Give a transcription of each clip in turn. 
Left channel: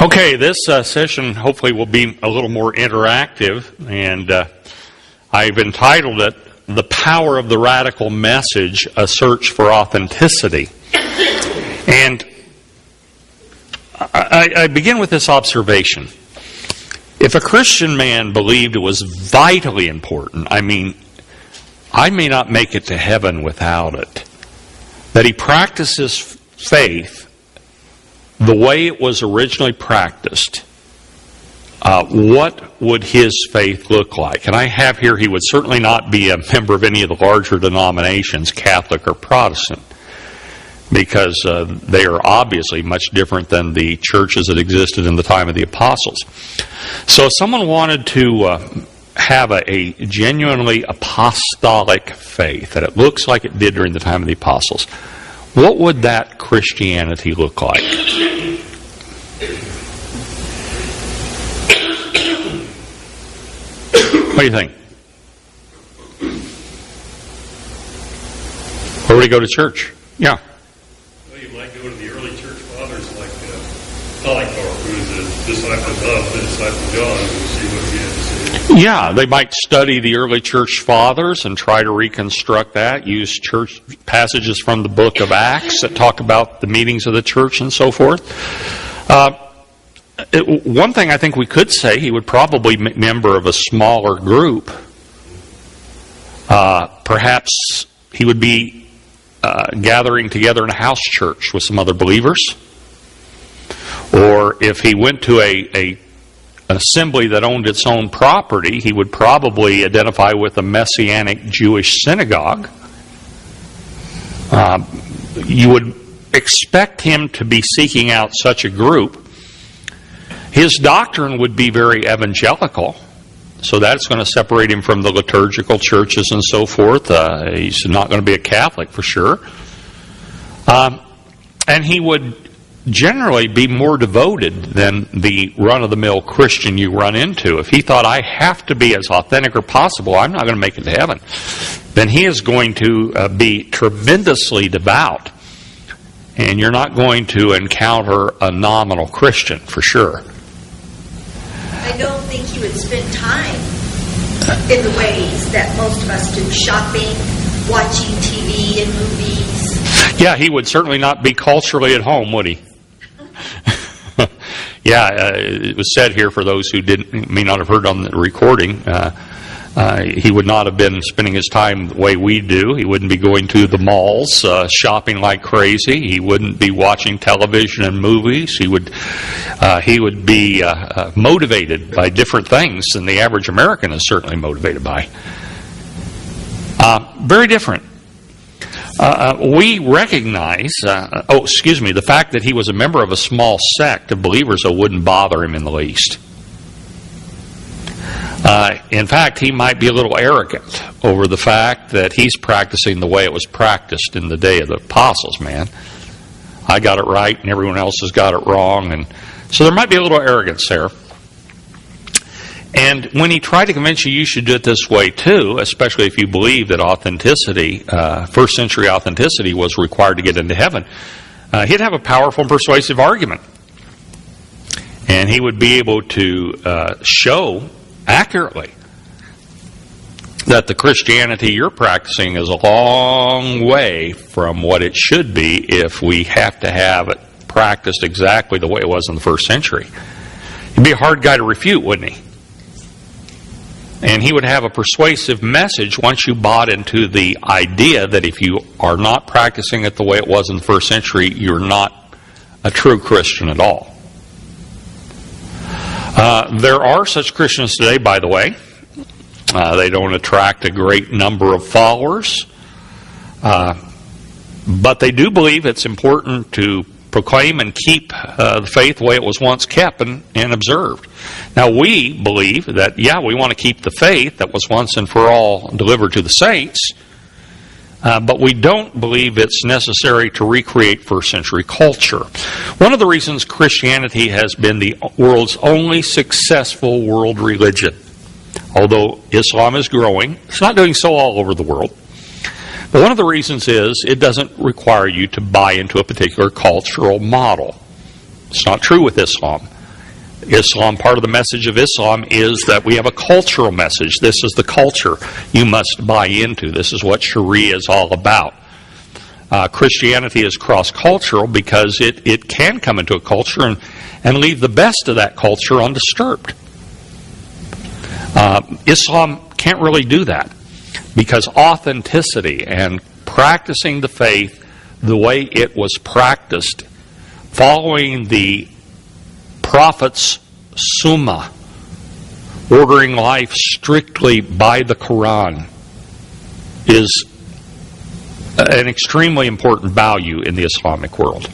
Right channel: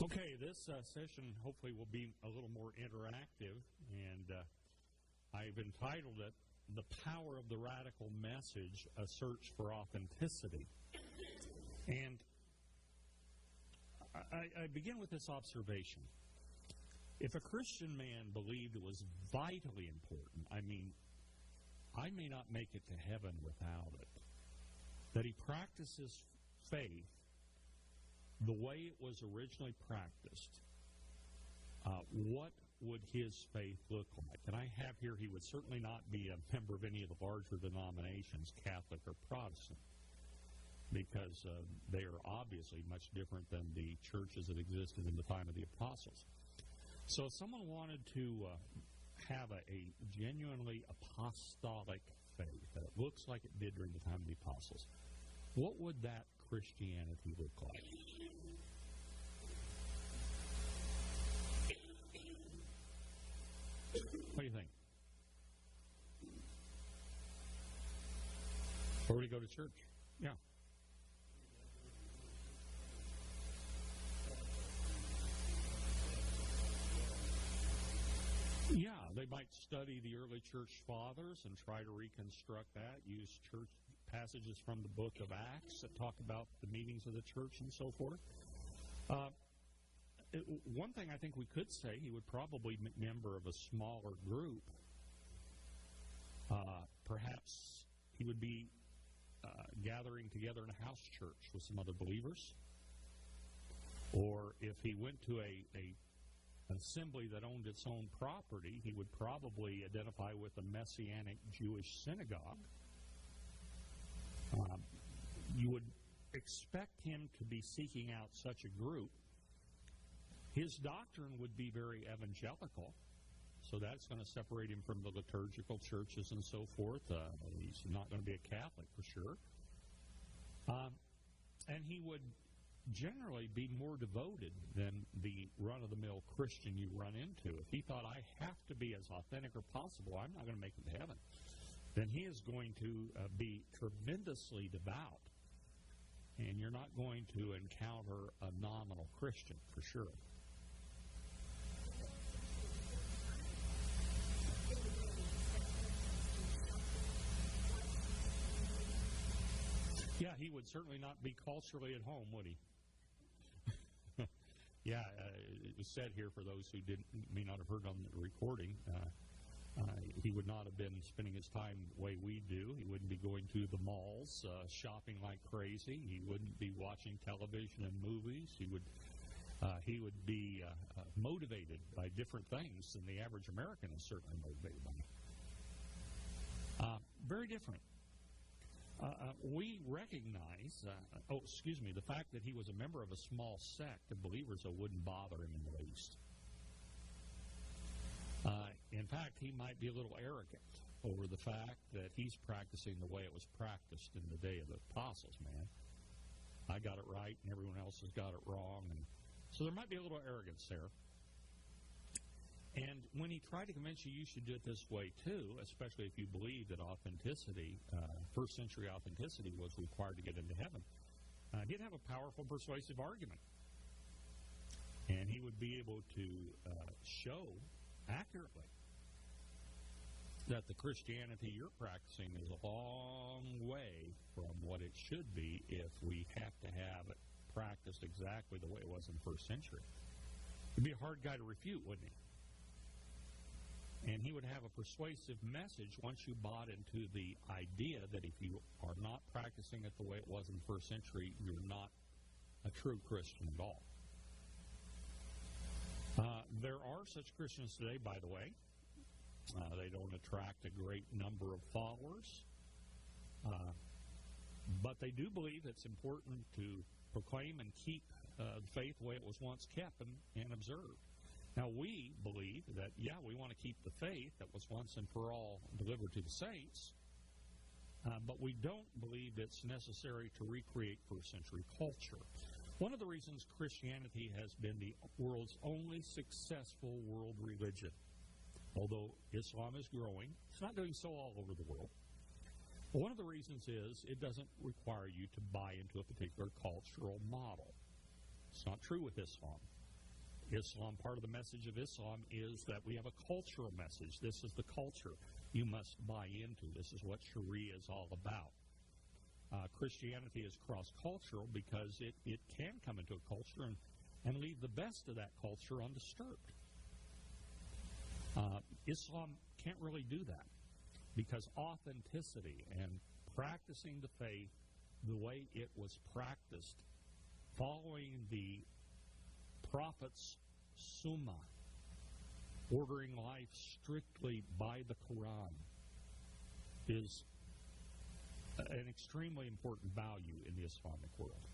Okay, this session hopefully will be a little more interactive, and I've entitled it, The Power of the Radical Message, A Search for Authenticity. And I begin with this observation. If a Christian man believed it was vitally important, I may not make it to heaven without it, that he practices faith the way it was originally practiced, what would his faith look like? And I have here, he would certainly not be a member of any of the larger denominations, Catholic or Protestant, because they are obviously much different than the churches that existed in the time of the apostles. So if someone wanted to have a genuinely apostolic faith, that it looks like it did during the time of the apostles, what would that Christianity look like? What do you think? Where would he go to church? Yeah. Well, you might go to the early church fathers like Polycarp, who was a disciple of the disciple of John, and see what he had to say. Yeah, they might study the early church fathers and try to reconstruct that, use church passages from the book of Acts that talk about the meetings of the church and so forth. One thing I think we could say, he would probably be a member of a smaller group. Perhaps he would be gathering together in a house church with some other believers. Or if he went to an assembly that owned its own property, he would probably identify with a Messianic Jewish synagogue. You would expect him to be seeking out such a group. His doctrine would be very evangelical, so that's going to separate him from the liturgical churches and so forth. He's not going to be a Catholic for sure. And he would generally be more devoted than the run-of-the-mill Christian you run into. If he thought, I have to be as authentic as possible, I'm not going to make it to heaven, then he is going to be tremendously devout. And you're not going to encounter a nominal Christian for sure. I don't think he would spend time in the ways that most of us do, shopping, watching TV and movies. Yeah, he would certainly not be culturally at home, would he? Yeah, it was said here for those who may not have heard on the recording, he would not have been spending his time the way we do. He wouldn't be going to the malls, shopping like crazy. He wouldn't be watching television and movies. He would be motivated by different things than the average American is certainly motivated by. Very different. We recognize, the fact that he was a member of a small sect of believers that wouldn't bother him in the least. In fact, he might be a little arrogant over the fact that he's practicing the way it was practiced in the day of the apostles, man. I got it right and everyone else has got it wrong. And so there might be a little arrogance there. And when he tried to convince you should do it this way too, especially if you believe that authenticity, first century authenticity was required to get into heaven, he'd have a powerful and persuasive argument. And he would be able to show accurately that the Christianity you're practicing is a long way from what it should be if we have to have it practiced exactly the way it was in the first century. He'd be a hard guy to refute, wouldn't he? And he would have a persuasive message once you bought into the idea that if you are not practicing it the way it was in the first century, you're not a true Christian at all. There are such Christians today, by the way. They don't attract a great number of followers. But they do believe it's important to proclaim and keep the faith the way it was once kept and observed. Now, we believe that, we want to keep the faith that was once and for all delivered to the saints, but we don't believe it's necessary to recreate first century culture. One of the reasons Christianity has been the world's only successful world religion, although Islam is growing, it's not doing so all over the world. But one of the reasons is it doesn't require you to buy into a particular cultural model. It's not true with Islam. Islam, part of the message of Islam is that we have a cultural message. This is the culture you must buy into. This is what Sharia is all about. Christianity is cross-cultural because it can come into a culture and leave the best of that culture undisturbed. Islam can't really do that because authenticity and practicing the faith the way it was practiced, following the Prophet's Sunnah, ordering life strictly by the Quran, is an extremely important value in the Islamic world.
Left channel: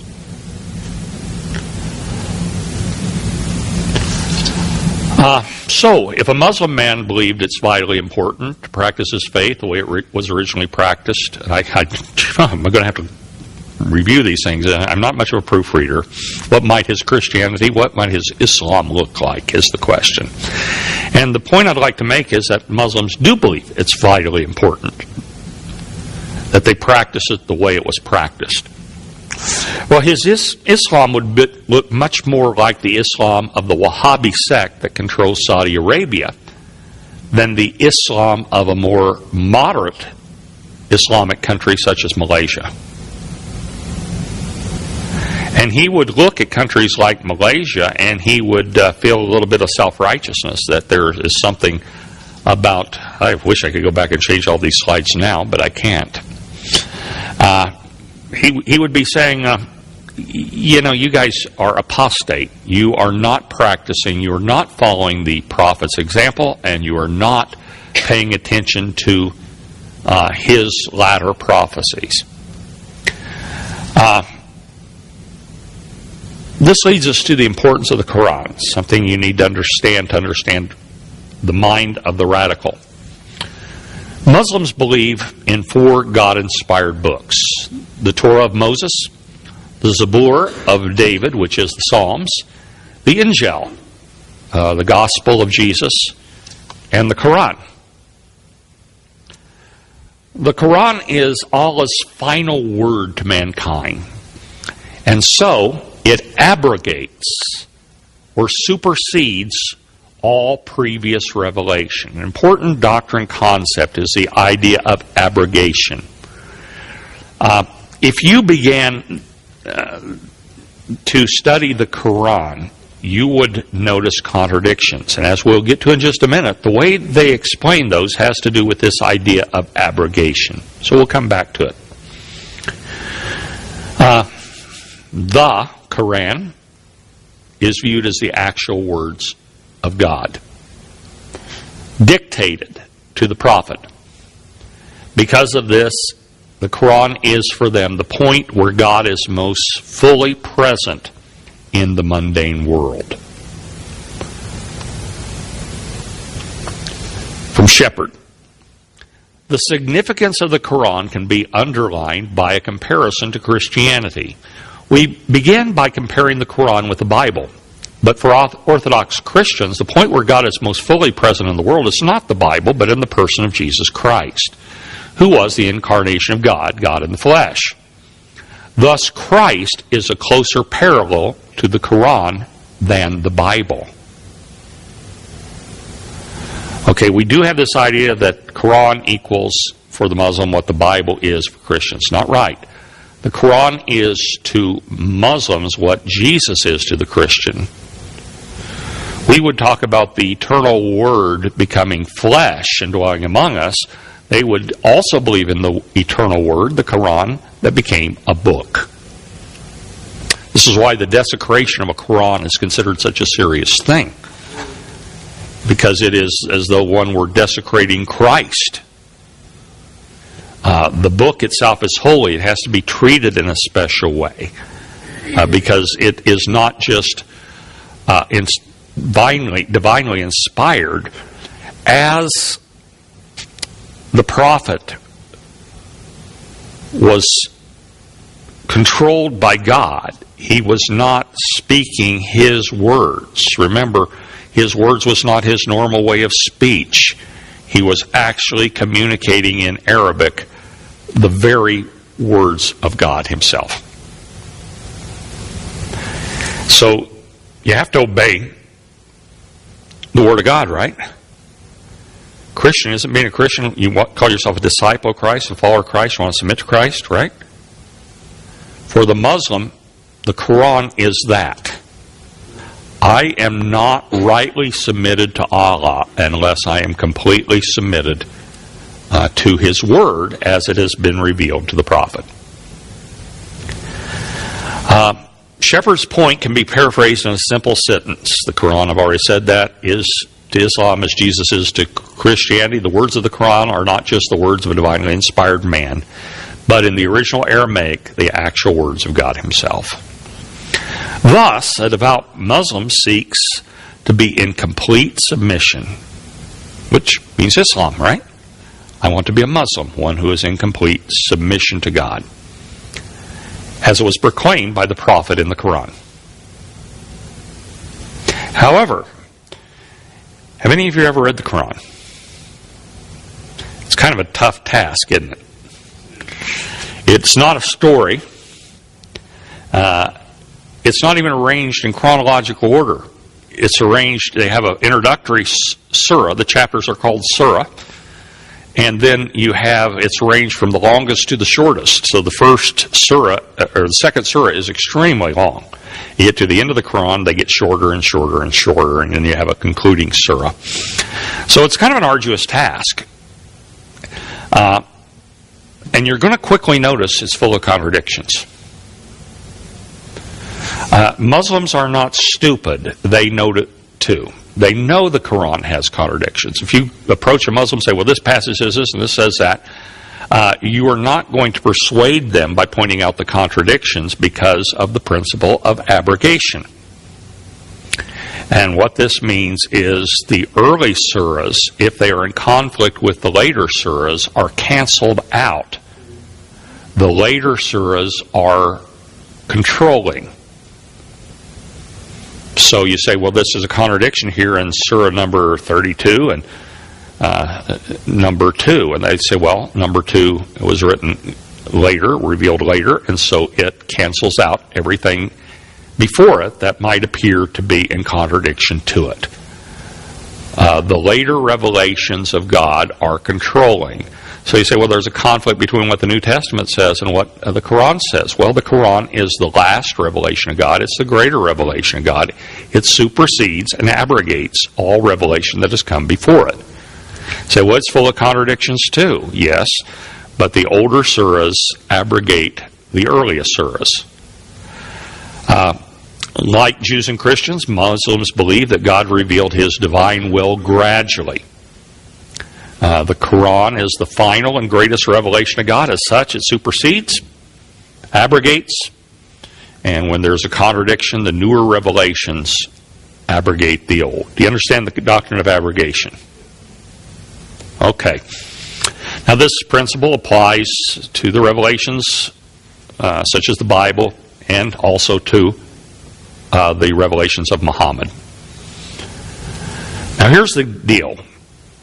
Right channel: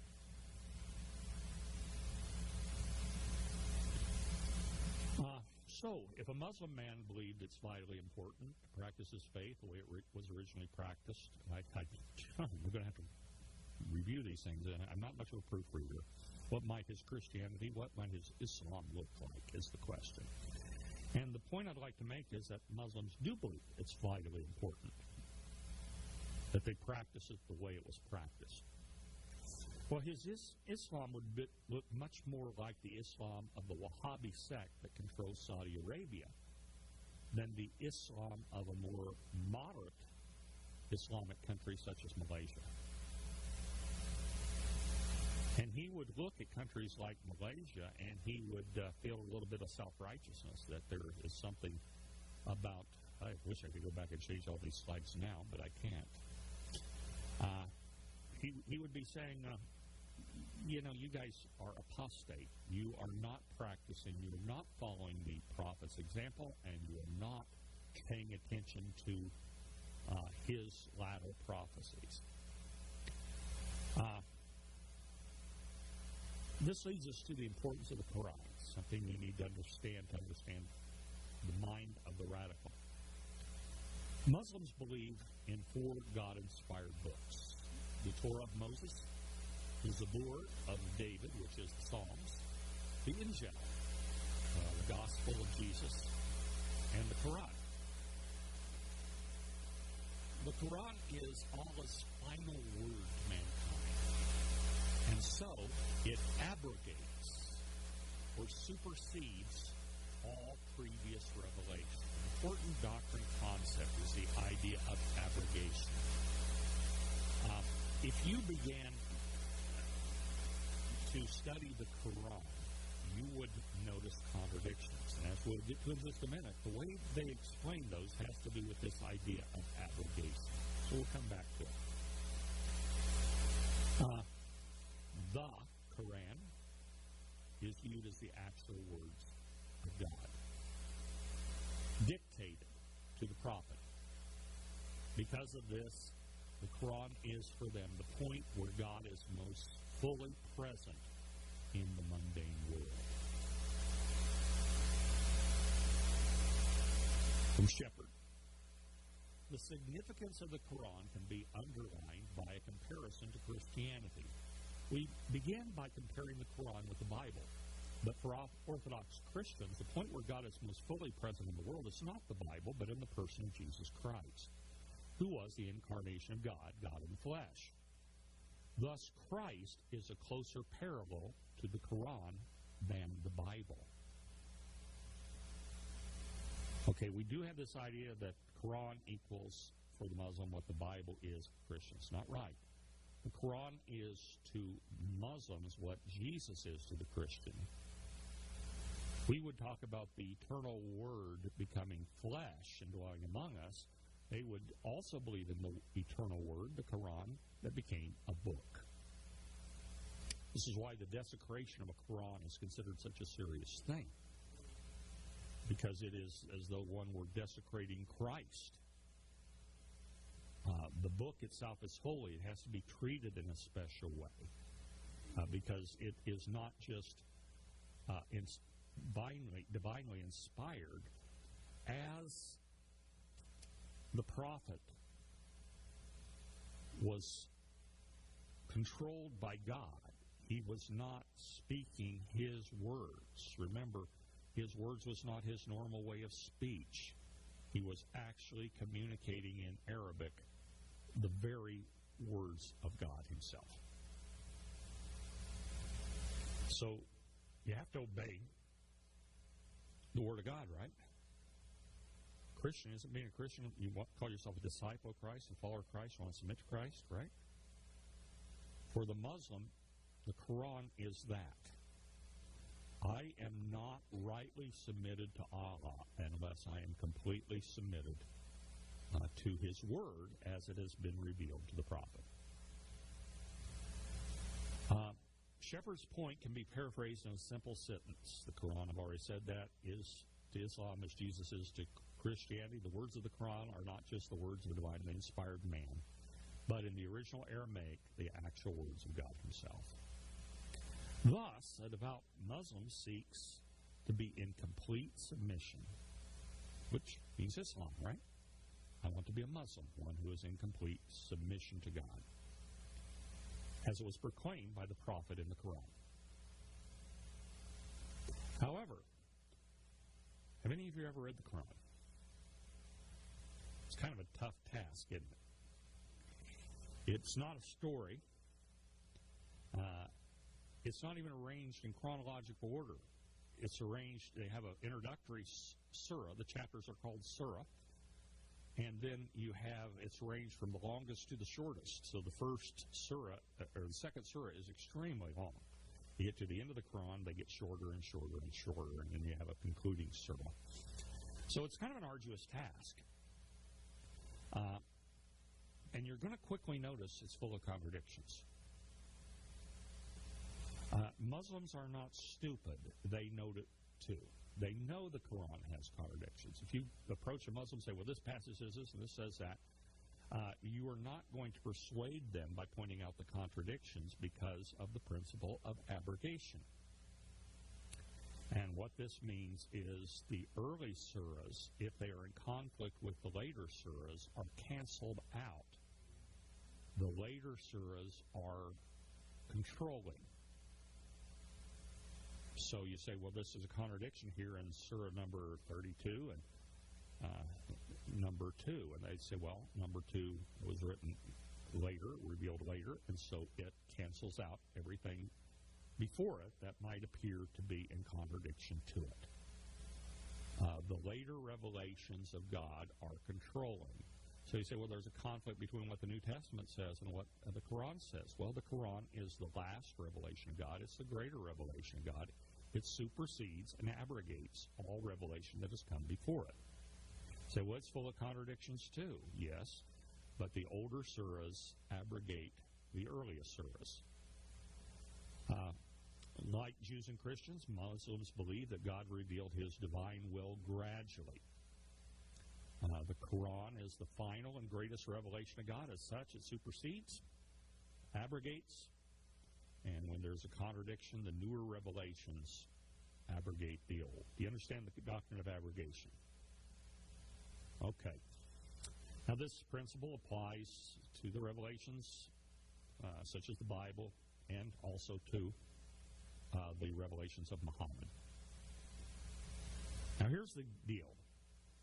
So, if a Muslim man believed it's vitally important to practice his faith the way it was originally practiced, and I'm going to have to review these things. I'm not much of a proofreader. What might his Christianity, what might his Islam look like is the question. And the point I'd like to make is that Muslims do believe it's vitally important that they practice it the way it was practiced. Well, his Islam would look much more like the Islam of the Wahhabi sect that controls Saudi Arabia than the Islam of a more moderate Islamic country such as Malaysia. And he would look at countries like Malaysia and he would feel a little bit of self-righteousness that there is something about, I wish I could go back and change all these slides now, but I can't. He would be saying, you guys are apostate. You are not practicing. You are not following the Prophet's example, and you are not paying attention to his latter prophecies. This leads us to the importance of the Quran, something you need to understand the mind of the radical. Muslims believe in 4 God-inspired books: the Torah of Moses, the Zabur of David, which is the Psalms, the Injil, the Gospel of Jesus, and the Quran. The Quran is Allah's final word to mankind, and so it abrogates or supersedes all previous revelation. An important doctrine concept is the idea of abrogation. If you began to study the Quran, you would notice contradictions. And as we'll get to in just a minute, the way they explain those has to do with this idea of abrogation. So we'll come back to it. The Quran is viewed as the actual words of God, dictated to the prophet. Because of this, the Quran is for them the point where God is most fully present in the mundane world. From Shepherd. The significance of the Quran can be underlined by a comparison to Christianity. We begin by comparing the Quran with the Bible. But for Orthodox Christians, the point where God is most fully present in the world is not the Bible, but in the person of Jesus Christ, who was the incarnation of God, God in the flesh. Thus, Christ is a closer parallel to the Quran than the Bible. Okay, we do have this idea that Quran equals for the Muslim what the Bible is for Christians. Not right. The Quran is to Muslims what Jesus is to the Christian. We would talk about the eternal Word becoming flesh and dwelling among us. They would also believe in the eternal Word, the Quran, that became a book. This is why the desecration of a Quran is considered such a serious thing, because it is as though one were desecrating Christ. The book itself is holy. It has to be treated in a special way because it is not just divinely inspired. As the prophet was controlled by God, he was not speaking his words. Remember, his words was not his normal way of speech. He was actually communicating in Arabic the very words of God himself. So you have to obey the Word of God, right? Christian isn't being a Christian. You call yourself a disciple of Christ, a follower of Christ. You want to submit to Christ, right? For the Muslim, the Quran is that. I am not rightly submitted to Allah unless I am completely submitted to His Word as it has been revealed to the Prophet. Shepherd's point can be paraphrased in a simple sentence. The Quran, I've already said that, is to Islam as Jesus is to Christianity. The words of the Quran are not just the words of a divinely inspired man, but in the original Aramaic, the actual words of God Himself. Thus, a devout Muslim seeks to be in complete submission, which means Islam, right? I want to be a Muslim, one who is in complete submission to God, as it was proclaimed by the Prophet in the Quran. However, have any of you ever read the Quran? It's kind of a tough task, isn't it? It's not a story. It's not even arranged in chronological order. It's arranged, they have an introductory surah. The chapters are called surah. And then it's arranged from the longest to the shortest. So the first surah, or the second surah, is extremely long. You get to the end of the Quran, they get shorter and shorter and shorter, and then you have a concluding surah. So it's kind of an arduous task. And you're going to quickly notice it's full of contradictions. Muslims are not stupid. They know it too. They know the Quran has contradictions. If you approach a Muslim and say, well, this passage says this and this says that, you are not going to persuade them by pointing out the contradictions because of the principle of abrogation. And what this means is the early surahs, if they are in conflict with the later surahs, are canceled out. The later surahs are controlling. So you say, well, this is a contradiction here in surah number 32 and number 2. And they say, well, number 2 was written later, revealed later, and so it cancels out everything before it that might appear to be in contradiction to it. The later revelations of God are controlling. So you say, well, there's a conflict between what the New Testament says and what the Quran says. Well, the Quran is the last revelation of God. It's the greater revelation of God. It supersedes and abrogates all revelation that has come before it. Say, well, it's full of contradictions too. Yes, but the older surahs abrogate the earliest surahs. Like Jews and Christians, Muslims believe that God revealed His divine will gradually. The Quran is the final and greatest revelation of God. As such, it supersedes, abrogates, and when there's a contradiction, the newer revelations abrogate the old. Do you understand the doctrine of abrogation? Okay. Now, this principle applies to the revelations, such as the Bible, and also to the revelations of Muhammad. Now, here's the deal.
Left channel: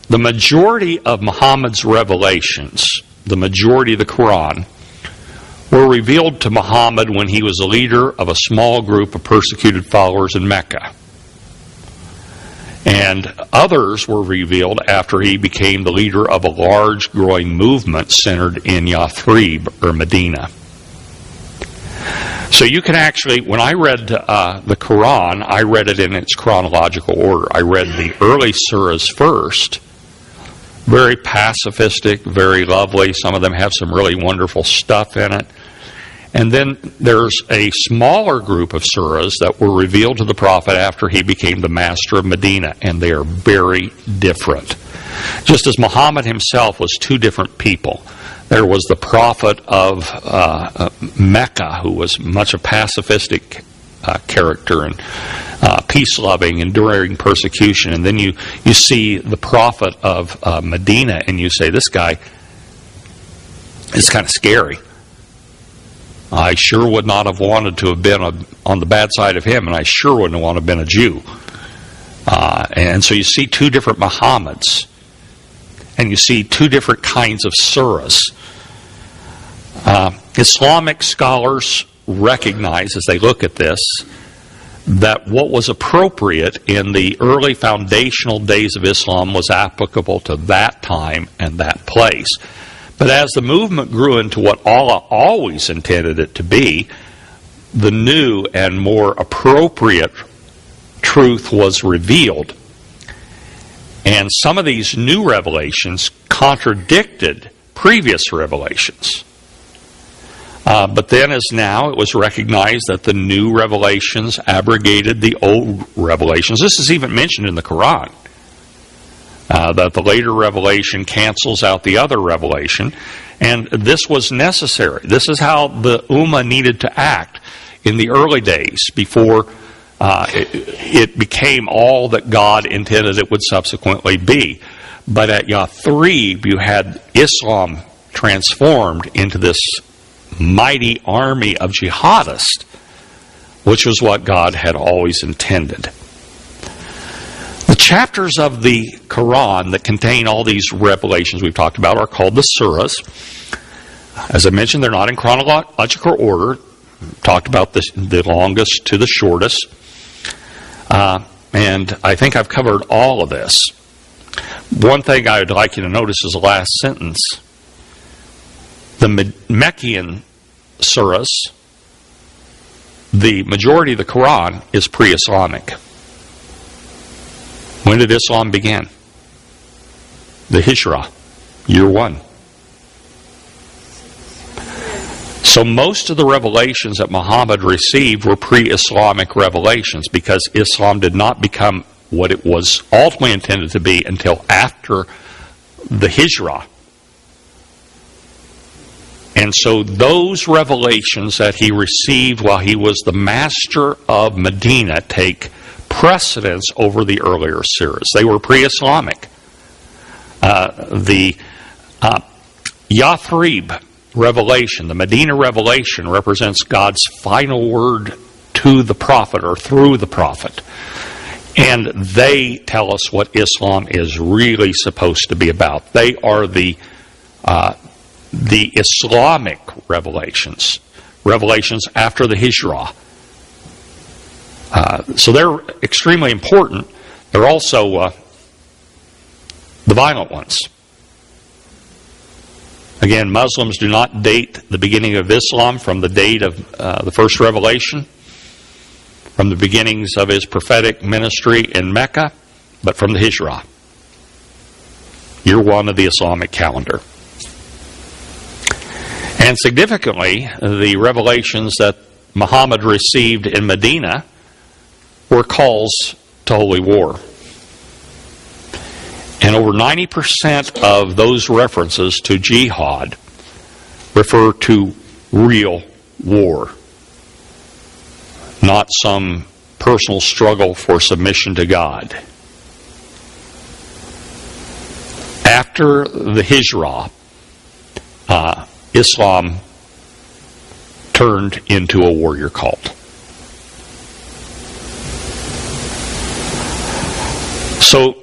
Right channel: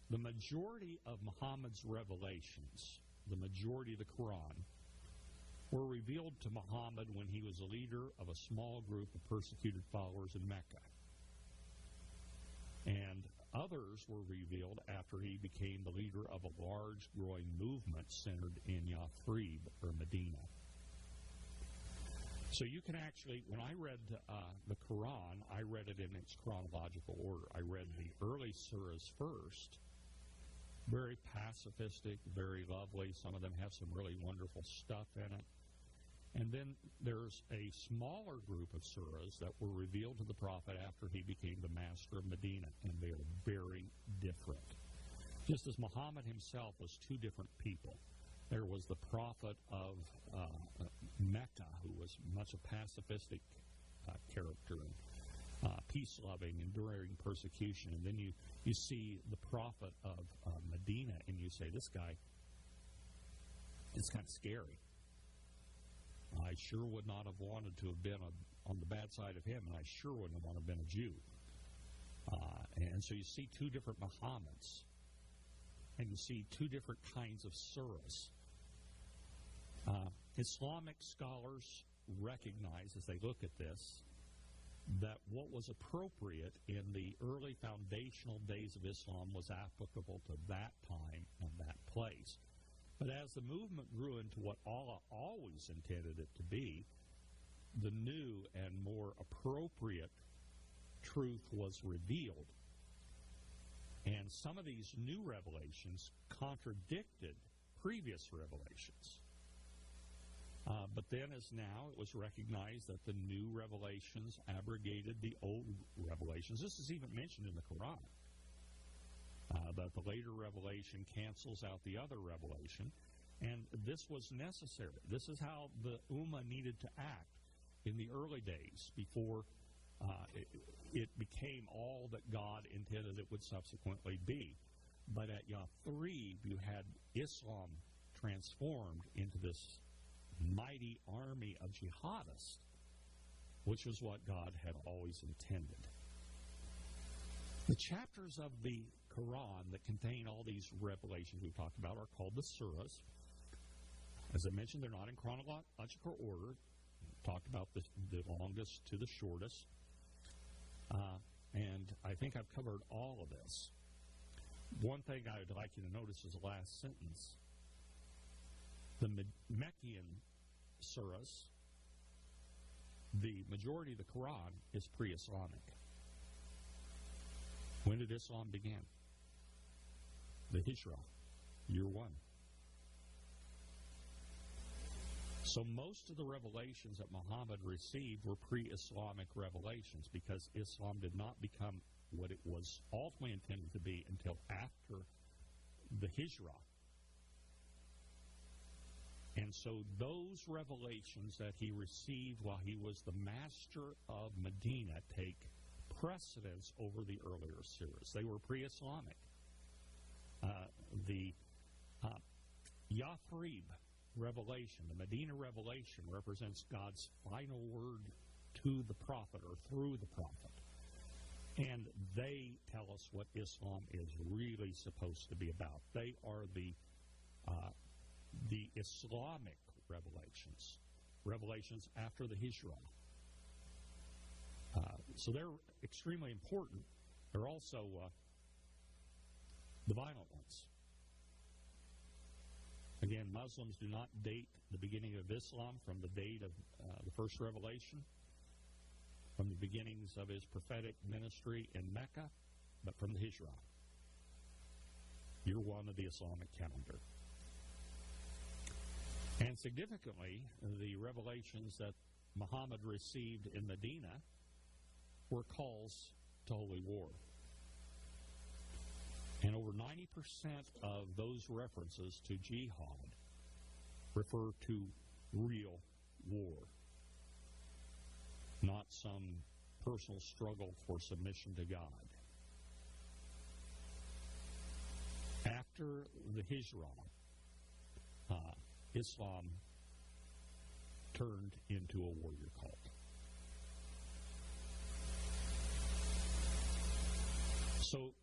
The majority of Muhammad's revelations, the majority of the Quran, were revealed to Muhammad when he was a leader of a small group of persecuted followers in Mecca. And others were revealed after he became the leader of a large growing movement centered in Yathrib, or Medina. So you can actually, when I read the Quran, I read it in its chronological order. I read the early surahs first. Very pacifistic, very lovely. Some of them have some really wonderful stuff in it. And then there's a smaller group of surahs that were revealed to the Prophet after he became the master of Medina, and they are very different. Just as Muhammad himself was two different people. There was the Prophet of Mecca, who was much a pacifistic character and peace-loving, enduring persecution. And then you see the Prophet of Medina, and you say, this guy is kind of scary. I sure would not have wanted to have been on the bad side of him, and I sure wouldn't have wanted to have been a Jew. And so you see two different Muhammads, and you see two different kinds of surahs. Islamic scholars recognize, as they look at this, that what was appropriate in the early foundational days of Islam was applicable to that time and that place. But as the movement grew into what Allah always intended it to be, the new and more appropriate truth was revealed. And some of these new revelations contradicted previous revelations. But then, as now, it was recognized that the new revelations abrogated the old revelations. This is even mentioned in the Quran, that the later revelation cancels out the other revelation. And this was necessary. This is how the Ummah needed to act in the early days before it became all that God intended it would subsequently be. But at Yathrib, you had Islam transformed into this mighty army of jihadists, which was what God had always intended. The chapters of the Quran that contain all these revelations we've talked about are called the surahs. As I mentioned, they're not in chronological order. Talked about the longest to the shortest. And I think I've covered all of this. One thing I would like you to notice is the last sentence. The Meccan surahs, the majority of the Quran is pre-Islamic. When did Islam begin? The Hijrah, year 1. So most of the revelations that Muhammad received were pre-Islamic revelations, because Islam did not become what it was ultimately intended to be until after the Hijrah. And so those revelations that he received while he was the master of Medina take precedence over the earlier surahs. They were pre-Islamic. The Yathrib revelation, the Medina revelation, represents God's final word to the prophet or through the prophet. And they tell us what Islam is really supposed to be about. They are the Islamic revelations after the Hijrah. So they're extremely important. They're also the violent ones. Again, Muslims do not date the beginning of Islam from the date of the first revelation, from the beginnings of his prophetic ministry in Mecca, but from the Hijrah, year 1 of the Islamic calendar. And significantly, the revelations that Muhammad received in Medina were calls to holy war. And over 90% of those references to jihad refer to real war, not some personal struggle for submission to God. After the Hijrah, Islam turned into a warrior cult. So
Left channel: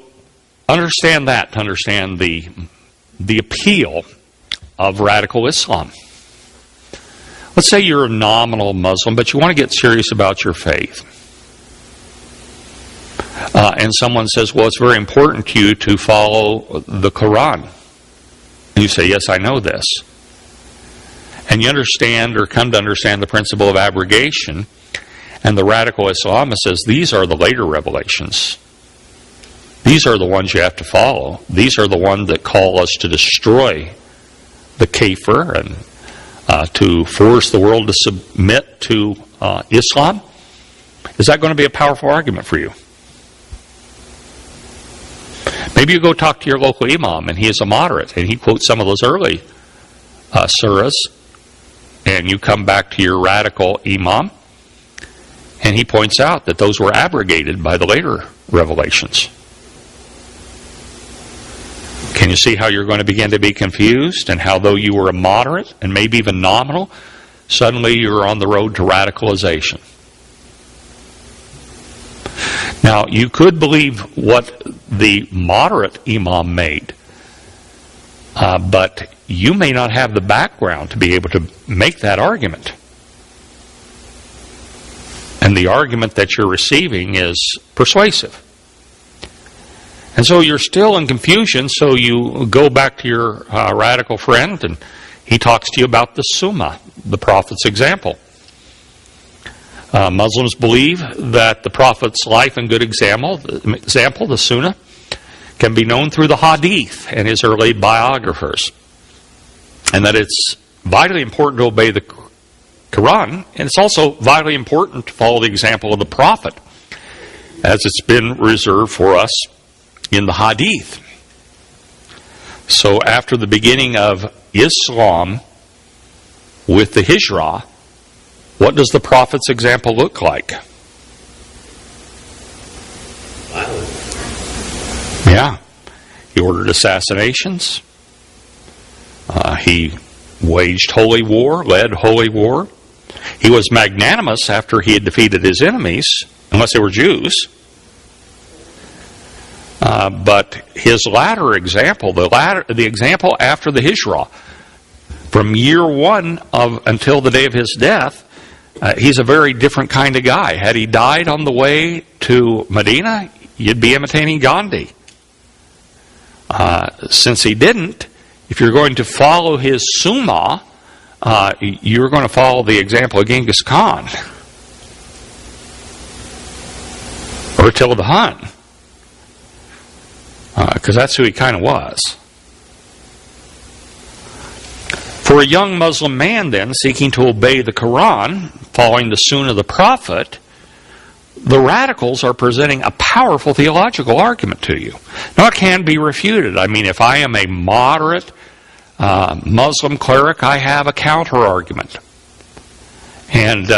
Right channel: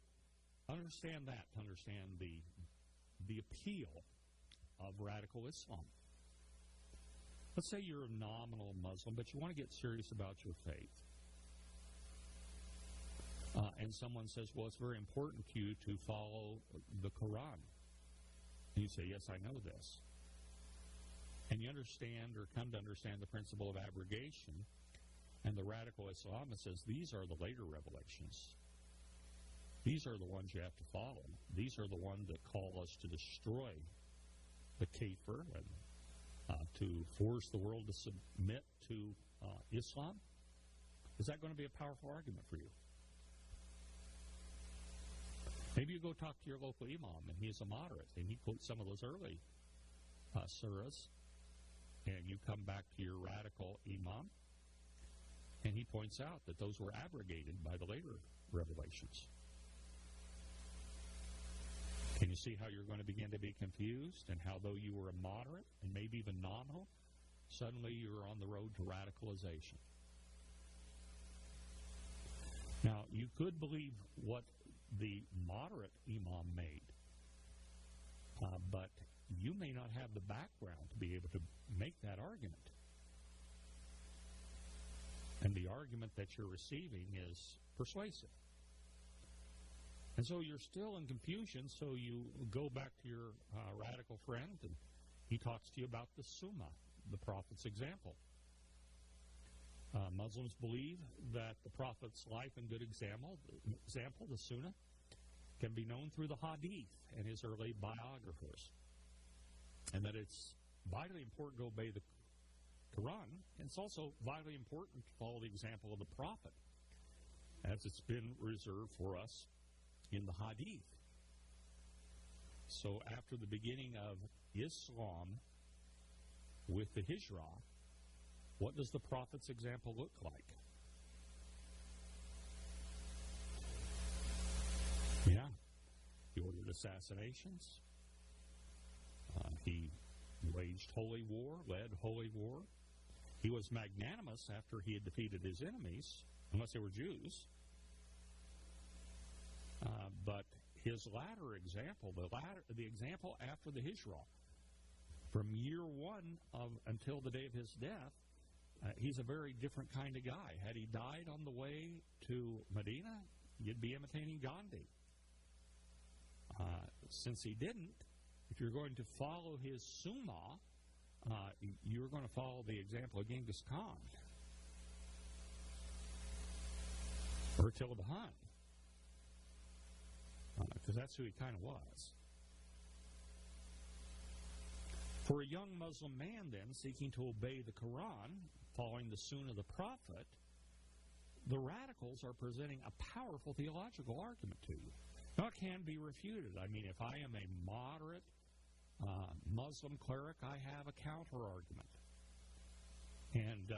understand that to understand the appeal of radical Islam. Let's say you're a nominal Muslim, but you want to get serious about your faith. And someone says, well, it's very important to you to follow the Quran. And you say, yes, I know this. And you understand or come to understand the principle of abrogation. And the radical Islamist says, these are the later revelations. These are the ones you have to follow. These are the ones that call us to destroy the kafir and to force the world to submit to Islam. Is that going to be a powerful argument for you? Maybe you go talk to your local imam, and he is a moderate, and he quotes some of those early surahs, and you come back to your radical imam, and he points out that those were abrogated by the later revelations. Can you see how you're going to begin to be confused, and how though you were a moderate and maybe even nominal, suddenly you're on the road to radicalization? Now, you could believe what the moderate imam made, but you may not have the background to be able to make that argument. and the argument that you're receiving is persuasive. And so you're still in confusion, so you go back to your radical friend, and he talks to you about the Summa, the prophet's example. Muslims believe that the prophet's life and good example, the Sunnah, can be known through the Hadith and his early biographers, and that it's vitally important to obey the Quran, and it's also vitally important to follow the example of the prophet, as it's been reserved for us in the Hadith. So after the beginning of Islam with the Hijrah, what does the prophet's example look like? Yeah. He ordered assassinations. He waged holy war, led holy war. He was magnanimous after he had defeated his enemies, unless they were Jews. But his latter example, the example after the Hijrah, from year one until the day of his death, he's a very different kind of guy. Had he died on the way to Medina, you'd be imitating Gandhi. Since he didn't, if you're going to follow his Summa, you're going to follow the example of Genghis Khan or Attila the Hun, because that's who he kind of was. For a young Muslim man, then, seeking to obey the Quran, following the Sunnah of the Prophet, the radicals are presenting a powerful theological argument to you. Now, it can be refuted. I mean, if I am a moderate Muslim cleric, I have a counter-argument. And,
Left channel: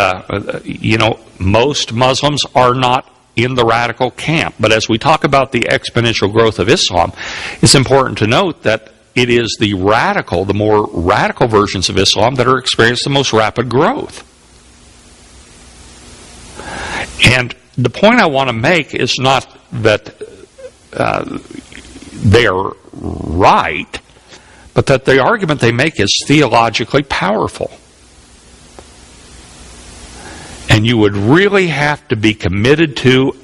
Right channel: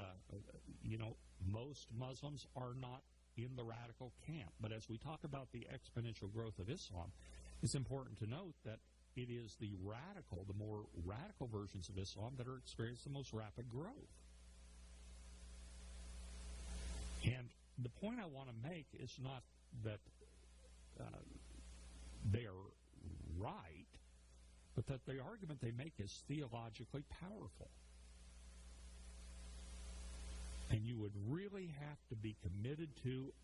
most Muslims are not in the radical camp. But as we talk about the exponential growth of Islam, it's important to note that it is the more radical versions of Islam that are experiencing the most rapid growth. And the point I want to make is not that they are right, but that the argument they make is theologically powerful. And you would really have to be committed to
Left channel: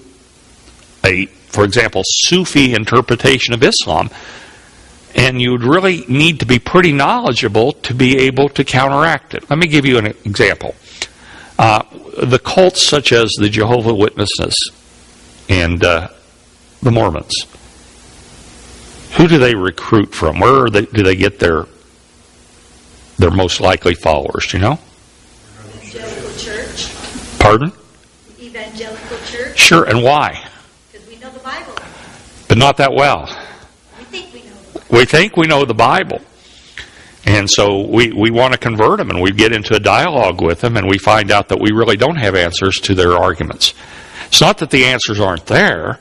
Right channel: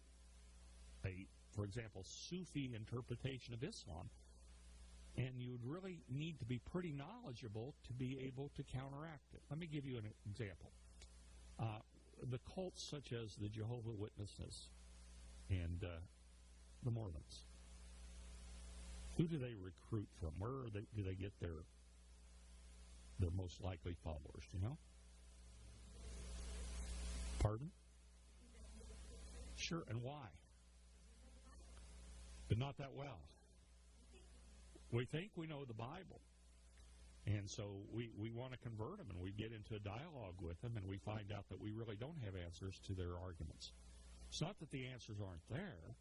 for example, Sufi interpretation of Islam, and you would really need to be pretty knowledgeable to be able to counteract it. Let me give you an example. The cults such as the Jehovah's Witnesses and the Mormons, who do they recruit from? Where do they get their most likely followers? Do you know? Evangelical church. Pardon? Evangelical church. Sure, and why? Because we know the Bible. But not that well. We think we know the Bible. We think we know the Bible. And so we want to convert them, and we get into a dialogue with them, and we find out that we really don't have answers to their arguments. It's not that the answers aren't there,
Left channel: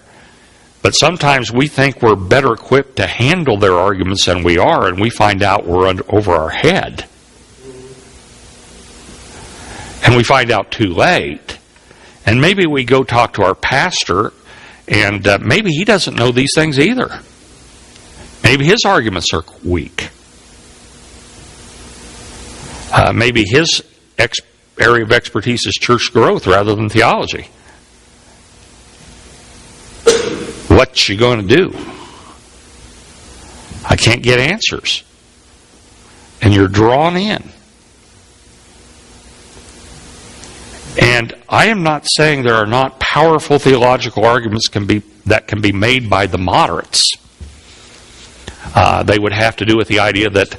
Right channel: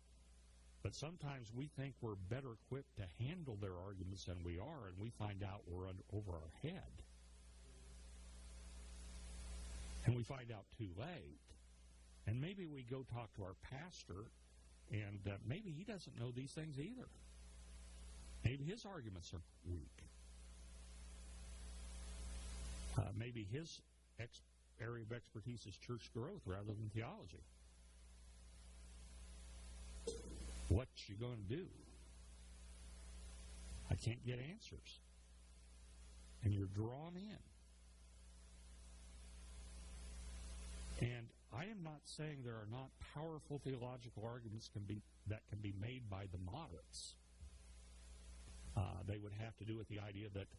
but sometimes we think we're better equipped to handle their arguments than we are, and we find out we're over our head. And we find out too late. And maybe we go talk to our pastor, and maybe he doesn't know these things either. Maybe his arguments are weak. Maybe his area of expertise is church growth rather than theology. What you going to do? I can't get answers. And you're drawn in. And I am not saying there are not powerful theological arguments that can be made by the moderates. They would have to do with the idea that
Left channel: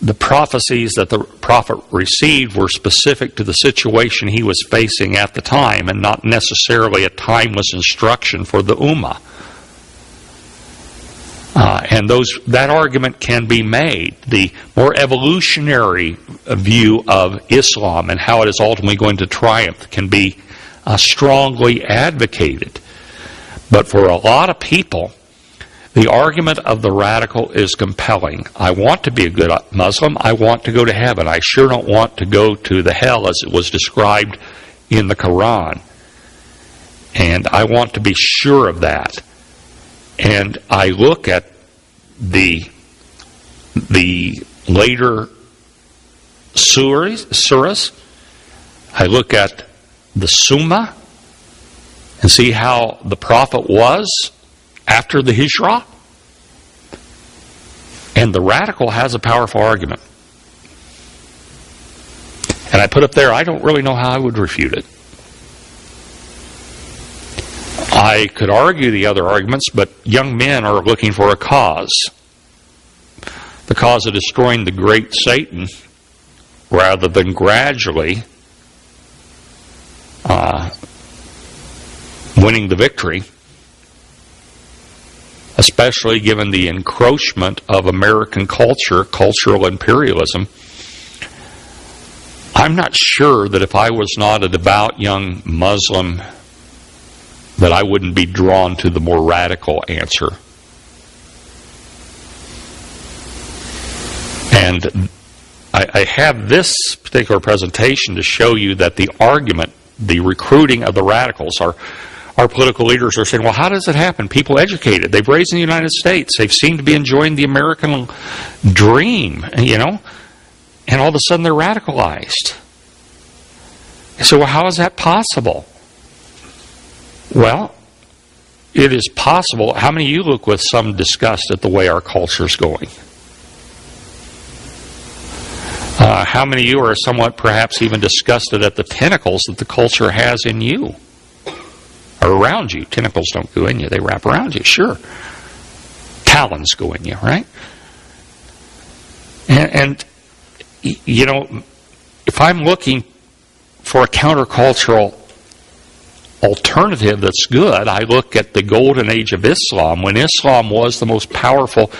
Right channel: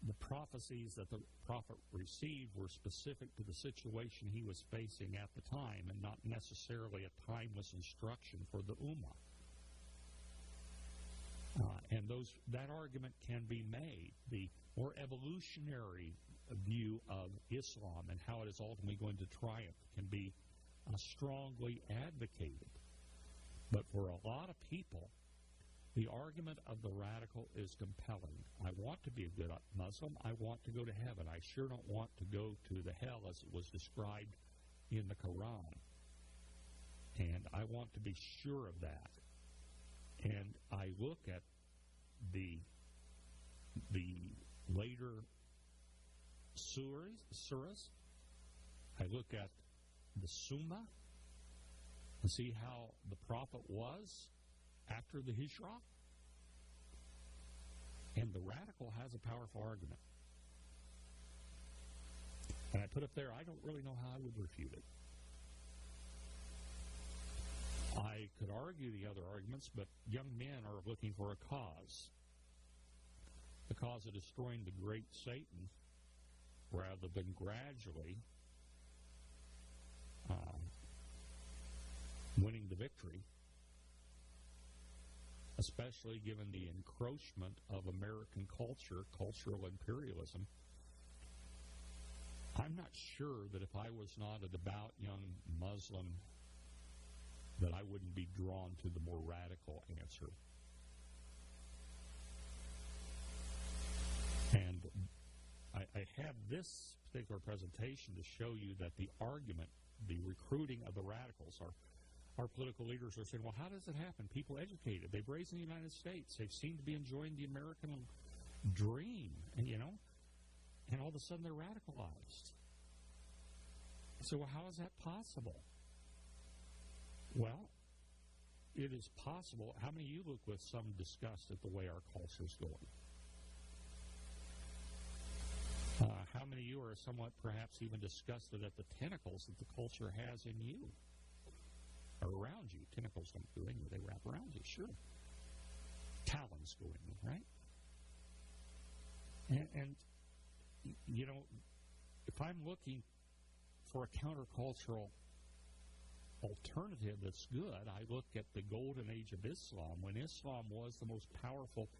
the prophecies that the prophet received were specific to the situation he was facing at the time and not necessarily a timeless instruction for the Ummah. And that argument can be made. The more evolutionary view of Islam and how it is ultimately going to triumph can be strongly advocated. But for a lot of people, the argument of the radical is compelling. I want to be a good Muslim. I want to go to heaven. I sure don't want to go to the hell as it was described in the Quran. And I want to be sure of that. And I look at the later surahs. I look at the Summa, and see how the prophet was after the Hijrah? And the radical has a powerful argument. And I put up there, I don't really know how I would refute it. I could argue the other arguments, but young men are looking for a cause. The cause of destroying the great Satan, rather than gradually winning the victory, especially given the encroachment of American culture, cultural imperialism. I'm not sure that if I was not a devout young Muslim, that I wouldn't be drawn to the more radical answer. And I have this particular presentation to show you that the argument, the recruiting of the radicals, our political leaders are saying, well, how does it happen? People educated. They've raised in the United States. They've seemed to be enjoying the American dream, you know, and all of a sudden they're radicalized. So well, how is that possible? Well, it is possible. How many of you look with some disgust at the way our culture is going? How many of you are somewhat perhaps even disgusted at the tentacles that the culture has in you or around you? Tentacles don't go in you, they wrap around you, sure. Talons go in you, right? And you know, if I'm looking for a countercultural alternative that's good, I look at the golden age of Islam, when Islam was the most powerful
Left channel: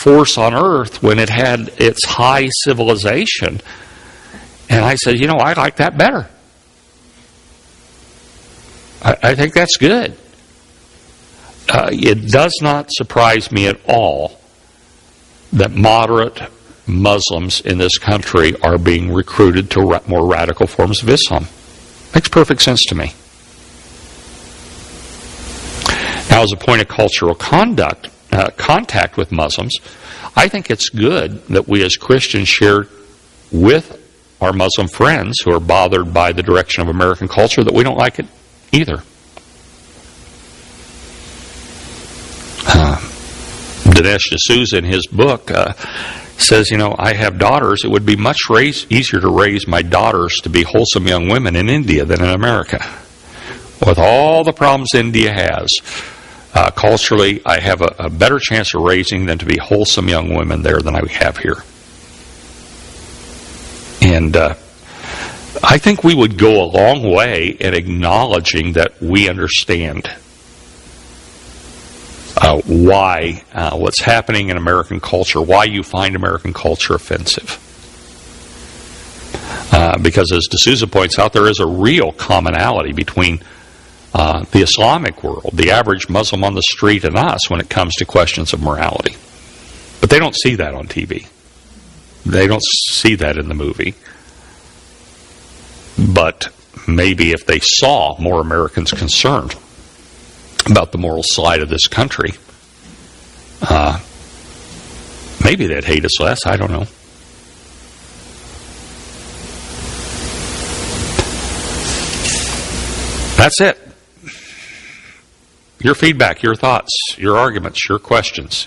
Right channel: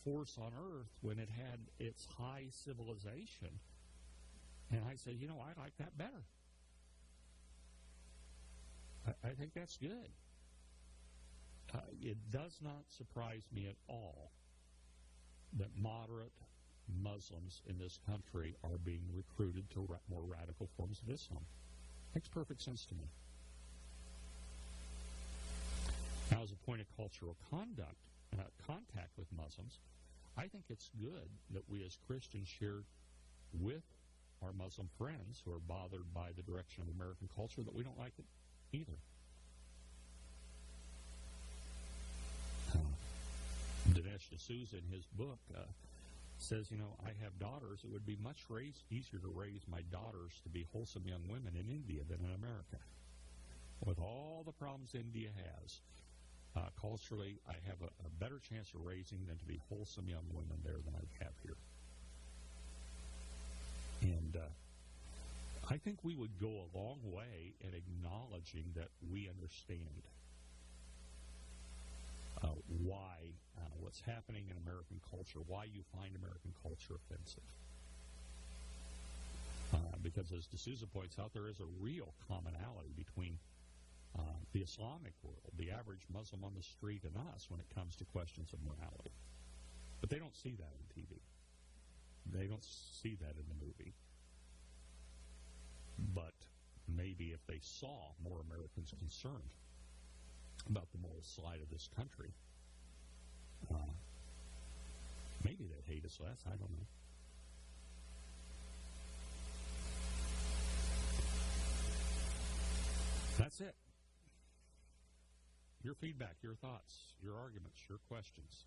force on earth, when it had its high civilization. And I said, you know, I like that better. I think that's good. It does not surprise me at all that moderate Muslims in this country are being recruited to more radical forms of Islam. Makes perfect sense to me. Now, as a point of cultural contact with Muslims, I think it's good that we as Christians share with our Muslim friends who are bothered by the direction of American culture that we don't like it either. Dinesh D'Souza in his book says, you know, I have daughters. It would be much easier to raise my daughters to be wholesome young women in India than in America. With all the problems India has, culturally, I have a better chance of raising them to be wholesome young women there than I have here. And I think we would go a long way in acknowledging that we understand why what's happening in American culture, why you find American culture offensive. Because as D'Souza points out, there is a real commonality between the Islamic world, the average Muslim on the street, and us when it comes to questions of morality. But they don't see that on TV. They don't see that in the movie. But maybe if they saw more Americans concerned about the moral side of this country, maybe they'd hate us less. I don't know. That's it. Your feedback, your thoughts, your arguments, your questions.